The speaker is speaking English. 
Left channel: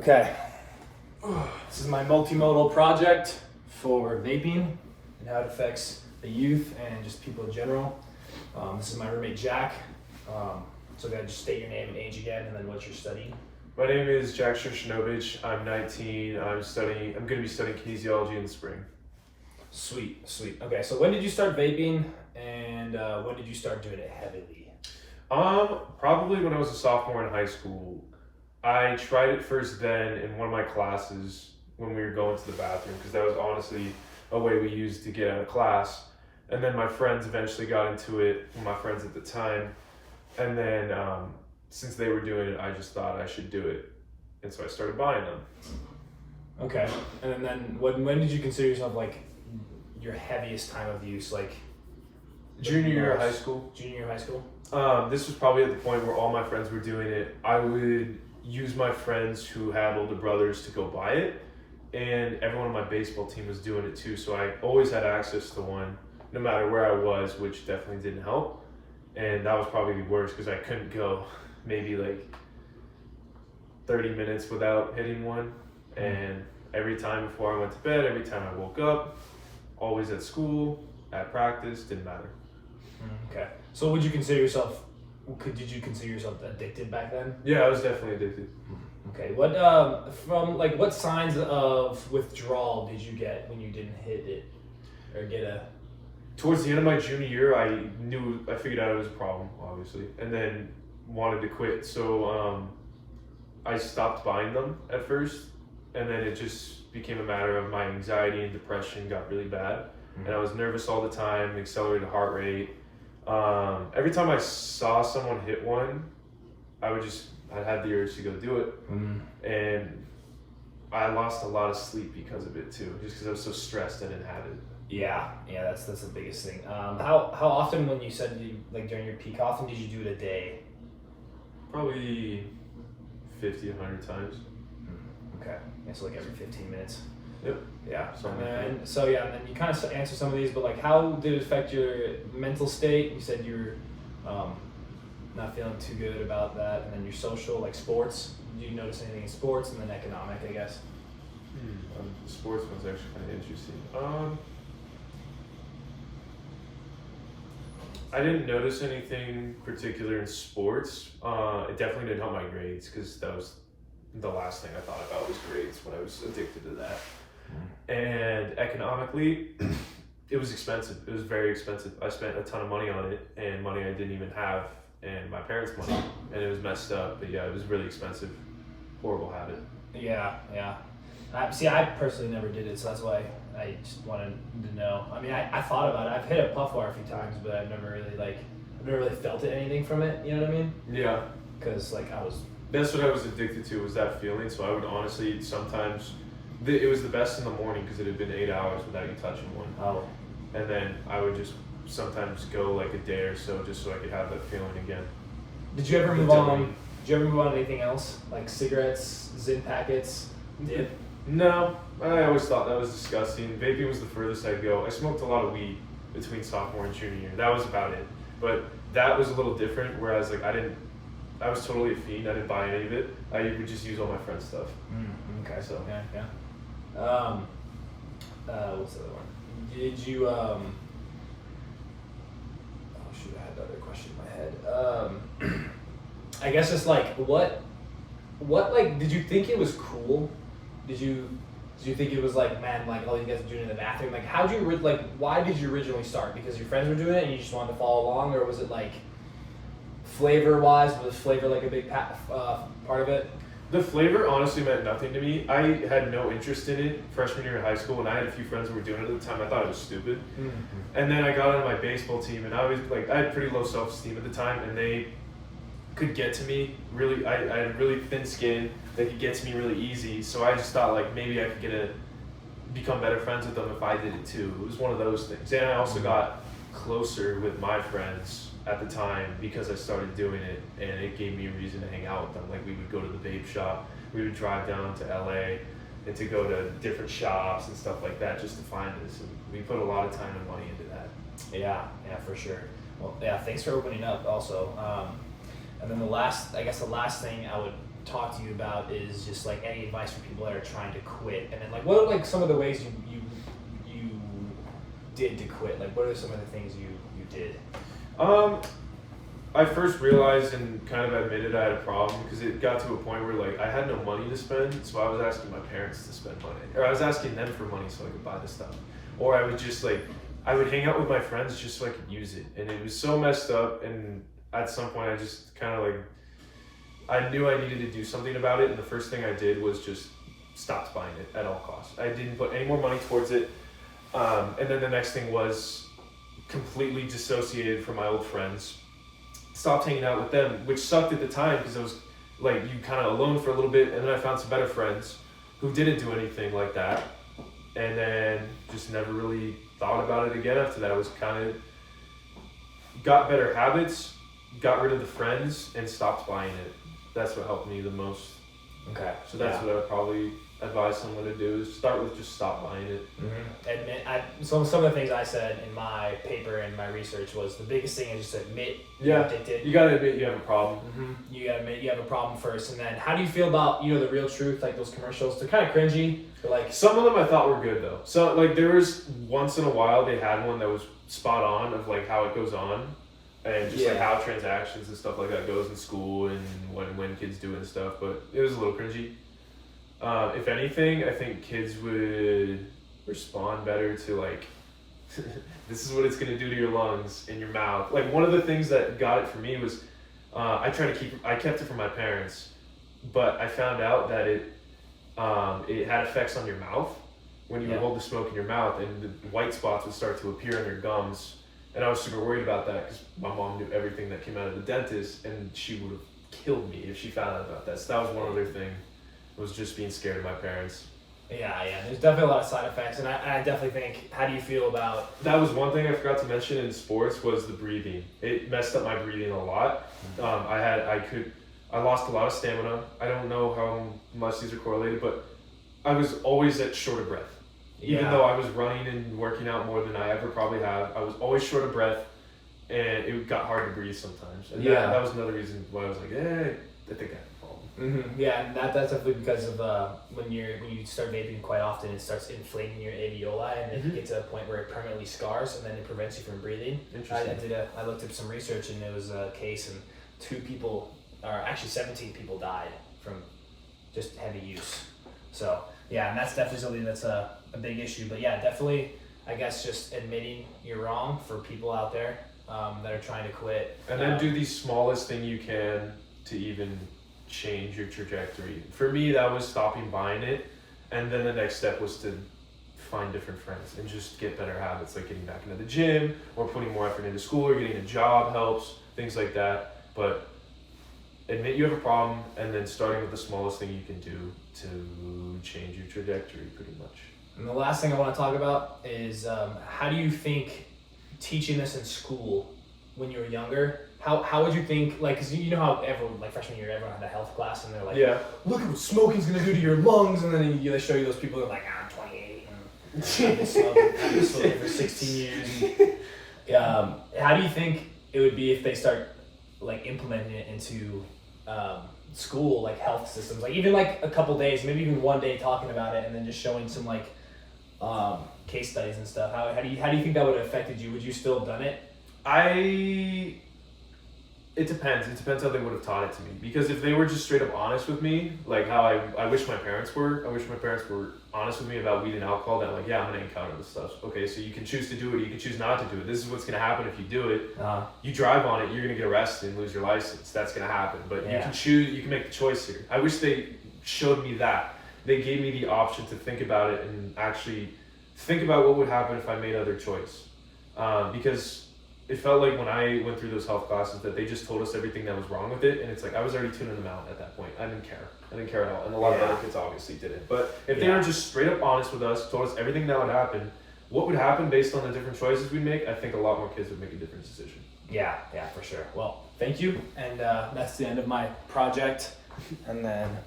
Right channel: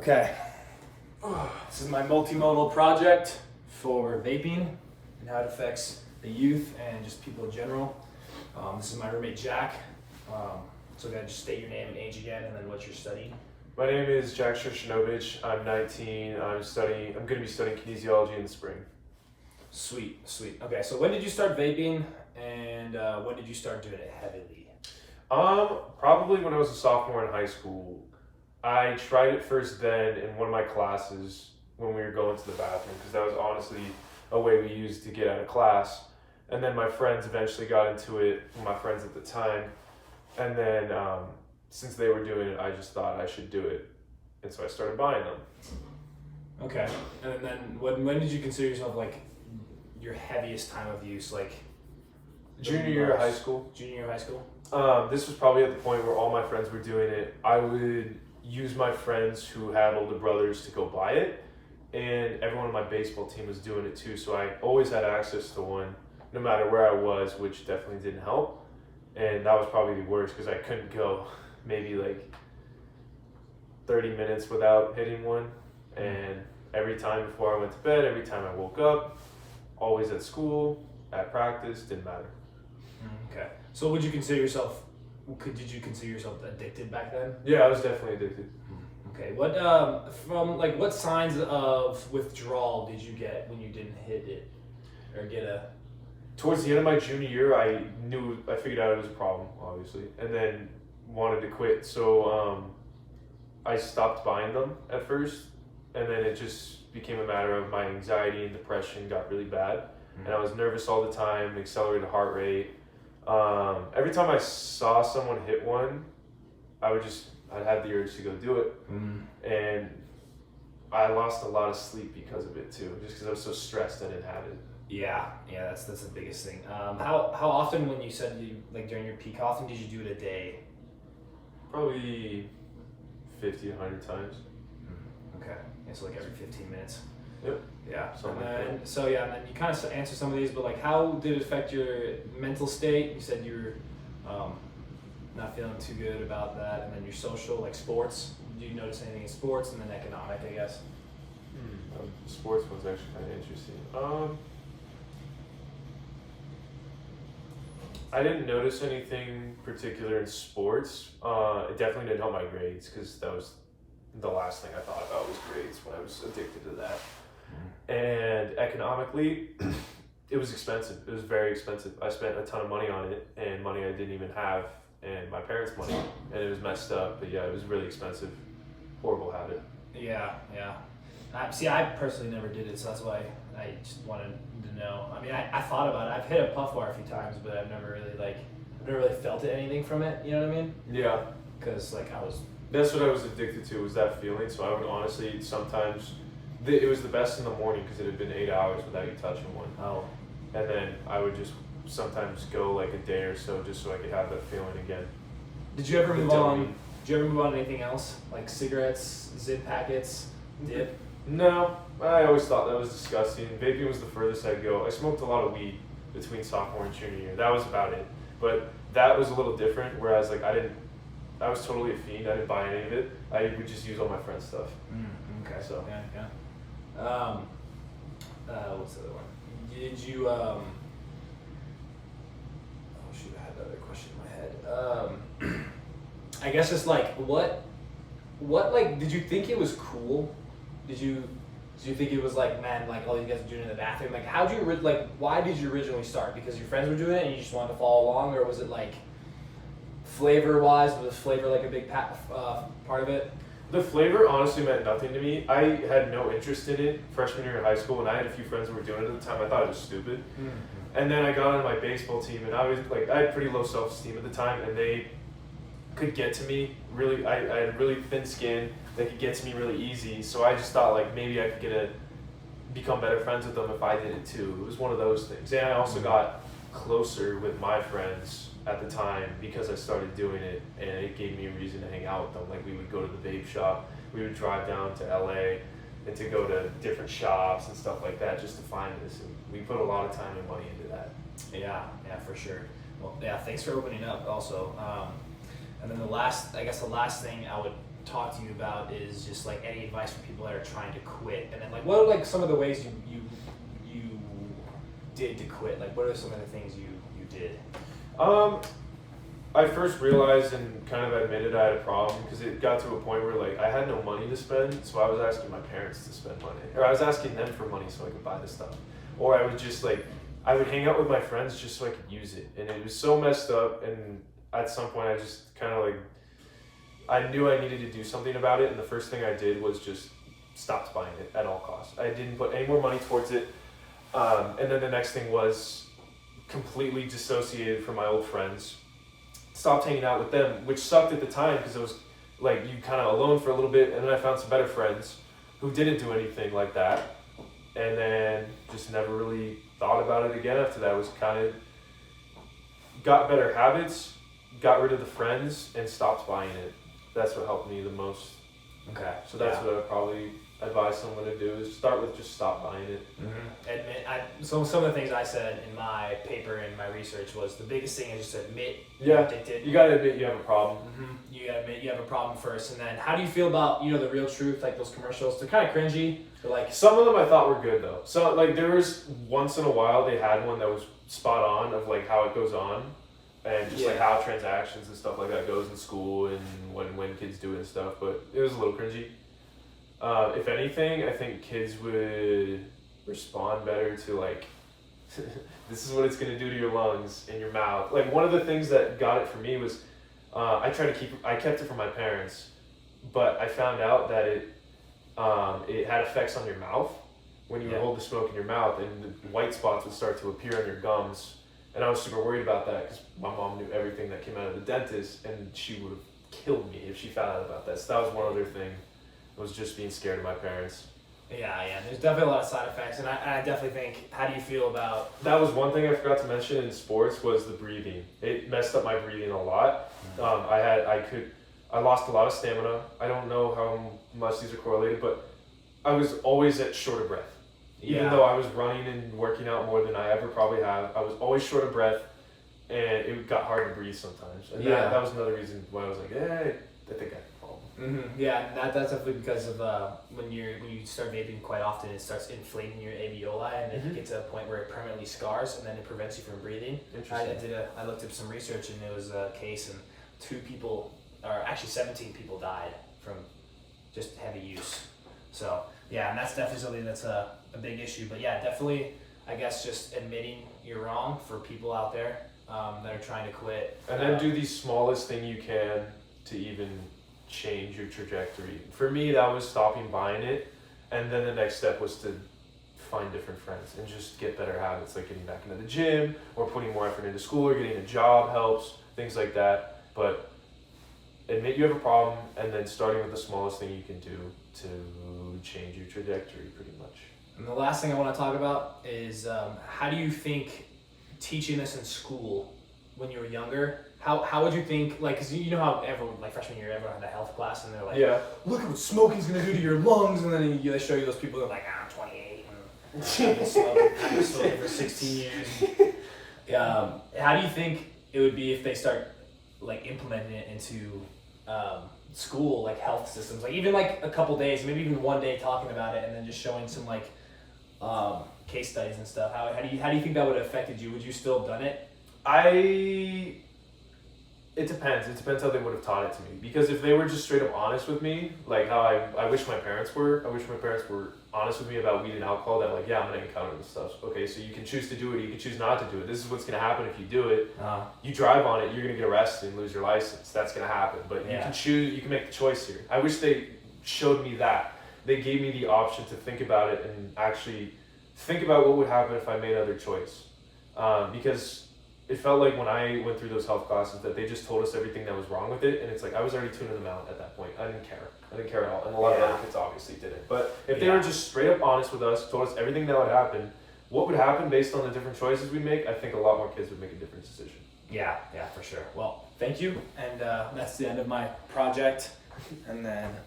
Okay, this is my multimodal project for vaping and how it affects the youth and just people in general. This is my roommate Jack. So go ahead, just state your name and age again, and then what you're studying. My name is Jack Shinovich. I'm 19. I'm going to be studying kinesiology in the spring. Sweet. Okay, so when did you start vaping, and when did you start doing it heavily? Probably when I was a sophomore in high school. I tried it first then in one of my classes when we were going to the bathroom, because that was honestly a way we used to get out of class. And then my friends eventually got into it, my friends at the time. And then since they were doing it, I just thought I should do it. And so I started buying them. Okay, and then when did you consider yourself like your heaviest time of use, like Junior year of high school. Junior year of high school? This was probably at the point where all my friends were doing it. I would use my friends who had older brothers to go buy it, and everyone on my baseball team was doing it too, so I always had access to one no matter where I was, which definitely didn't help. And that was probably the worst because I couldn't go maybe like 30 minutes without hitting one. And every time before I went to bed, every time I woke up, always at school, at practice, didn't matter. Okay, so did you consider yourself addicted back then? Yeah, I was definitely addicted. Okay, what what signs of withdrawal did you get when you didn't hit it or get a? Towards the end of my junior year, I figured out it was a problem, obviously, and then wanted to quit. So I stopped buying them at first, and then it just became a matter of my anxiety and depression got really bad, and I was nervous all the time, accelerated heart rate. Every time I saw someone hit one, I had the urge to go do it, and I lost a lot of sleep because of it too, just because I was so stressed I didn't have it. Yeah, that's the biggest thing. How often, when you said during your peak, how often did you do it a day? Probably 50, 100 times. Okay, yeah, so like every 15 minutes. Yep. Yeah, and then you kind of answered some of these, but like how did it affect your mental state? You said you were not feeling too good about that, and then your social, like sports. Did you notice anything in sports, and then economic, I guess? The sports one's actually kind of interesting. I didn't notice anything particular in sports. It definitely didn't help my grades, because that was the last thing I thought about was grades when I was addicted to that. And economically, it was expensive. It was very expensive. I spent a ton of money on it, and money I didn't even have, and my parents' money, and it was messed up. But yeah, it was really expensive. Horrible habit. Yeah. I personally never did it, so that's why I just wanted to know. I mean, I thought about it. I've hit a puff bar a few times, but I've never really felt anything from it. You know what I mean? Yeah. Because That's what I was addicted to, was that feeling. So I would honestly sometimes, it was the best in the morning because it had been 8 hours without you touching one. Oh. And then I would just sometimes go like a day or so just so I could have that feeling again. Did you ever move on? Did you ever move on to anything else, like cigarettes, Zyn packets, dip? No, I always thought that was disgusting. Vaping was the furthest I'd go. I smoked a lot of weed between sophomore and junior year. That was about it. But that was a little different, whereas like I was totally a fiend. I didn't buy any of it. I would just use all my friend's stuff. Okay. So yeah. What's the other one? Did you oh shoot, I had the other question in my head. I guess it's like what like did you think it was cool? Did you think it was like, man, like all you guys are doing in the bathroom? Like why did you originally start? Because your friends were doing it and you just wanted to follow along, or was it like flavor wise? Was flavor like a big part of it? the flavor honestly meant nothing to me. I had no interest in it freshman year of high school, and I had a few friends who were doing it at the time. I thought it was stupid. And then I got on my baseball team, and I was like, I had pretty low self-esteem at the time, and they could get to me really. I had really thin skin. They could get to me really easy. So I just thought like maybe I could become better friends with them if I did it too. It was one of those things. And I also got closer with my friends at the time because I started doing it, and it gave me a reason to hang out with them. Like we would go to the vape shop, we would drive down to LA and to go to different shops and stuff like that just to find this. And we put a lot of time and money into that. Yeah, for sure. Well, yeah, thanks for opening up also. And then the last thing I would talk to you about is just like any advice for people that are trying to quit, and then like what are like some of the ways you did to quit? Like what are some of the things you did? I first realized and kind of admitted I had a problem because it got to a point where like I had no money to spend, so I was asking my parents to spend money, or I was asking them for money so I could buy the stuff, or I would just like I would hang out with my friends just so I could use it, and it was so messed up. And at some point, I just kind of like I knew I needed to do something about it, and the first thing I did was just stopped buying it at all costs. I didn't put any more money towards it, and then the next thing was completely dissociated from my old friends. Stopped hanging out with them, which sucked at the time because it was like you kind of alone for a little bit, and then I found some better friends who didn't do anything like that, and then just never really thought about it again after that. I was kind of got better habits, got rid of the friends, and stopped buying it. That's what helped me the most. Okay. So that's what I would probably advise someone to do is start with just stop buying it. Admit. Some of the things I said in my paper and my research was the biggest thing is just admit you're addicted. You gotta admit you have a problem. You gotta admit you have a problem first, and then how do you feel about the real truth, like those commercials? They're kind of cringy, but like some of them I thought were good though. So like there was once in a while they had one that was spot on of like how it goes on. And just like how transactions and stuff like that goes in school and when kids do it and stuff, but it was a little cringy. If anything, I think kids would respond better to like, this is what it's gonna do to your lungs and your mouth. Like one of the things that got it for me was, I kept it from my parents, but I found out that it had effects on your mouth when you hold the smoke in your mouth, and the white spots would start to appear on your gums. And I was super worried about that because my mom knew everything that came out of the dentist, and she would have killed me if she found out about that. So that was one other thing, was just being scared of my parents. Yeah. There's definitely a lot of side effects, and I definitely think. How do you feel about? That was one thing I forgot to mention in sports was the breathing. It messed up my breathing a lot. I lost a lot of stamina. I don't know how much these are correlated, but I was always at short of breath. Even though I was running and working out more than I ever probably have, I was always short of breath, and it got hard to breathe sometimes. And that was another reason why I was like, I think I have a problem. Yeah, and that's definitely because of when you start vaping quite often, it starts inflating your alveoli, and then you get to a point where it permanently scars, and then it prevents you from breathing. I looked up some research, and it was a case, and 17 people died from just heavy use. So and that's definitely something that's a big issue. But definitely, I guess just admitting you're wrong for people out there that are trying to quit. And then do the smallest thing you can to even change your trajectory. For me, that was stopping buying it, and then the next step was to find different friends and just get better habits, like getting back into the gym or putting more effort into school or getting a job helps, things like that. But admit you have a problem, and then starting with the smallest thing you can do to change your trajectory pretty much. And the last thing I want to talk about is how do you think teaching this in school when you were younger, how would you think, like, because you know how everyone, like freshman year, everyone had a health class, and they're like, look at what smoking's going to do to your lungs, and then they show you those people that are like, I'm 28, and I've been smoking for 16 years. And, how do you think it would be if they start, like, implementing it into school, like health systems, like even like a couple days, maybe even one day talking about it, and then just showing some like case studies and stuff? How do you think that would have affected you? Would you still have done it? It depends. It depends how they would have taught it to me. Because if they were just straight up honest with me, like how I wish my parents were, honest with me about weed and alcohol, that like, I'm going to encounter this stuff. Okay, so you can choose to do it, you can choose not to do it. This is what's going to happen if you do it. You drive on it, you're going to get arrested and lose your license. That's going to happen. But you can choose, you can make the choice here. I wish they showed me that. They gave me the option to think about it and actually think about what would happen if I made other choice. Because it felt like when I went through those health classes that they just told us everything that was wrong with it, and it's like I was already tuning them out at that point. I didn't care at all, and a lot of other kids obviously didn't. But if they were just straight up honest with us, told us everything that would happen, what would happen based on the different choices we'd make, I think a lot more kids would make a different decision. Yeah, for sure. Well, thank you, and that's the end of my project, and then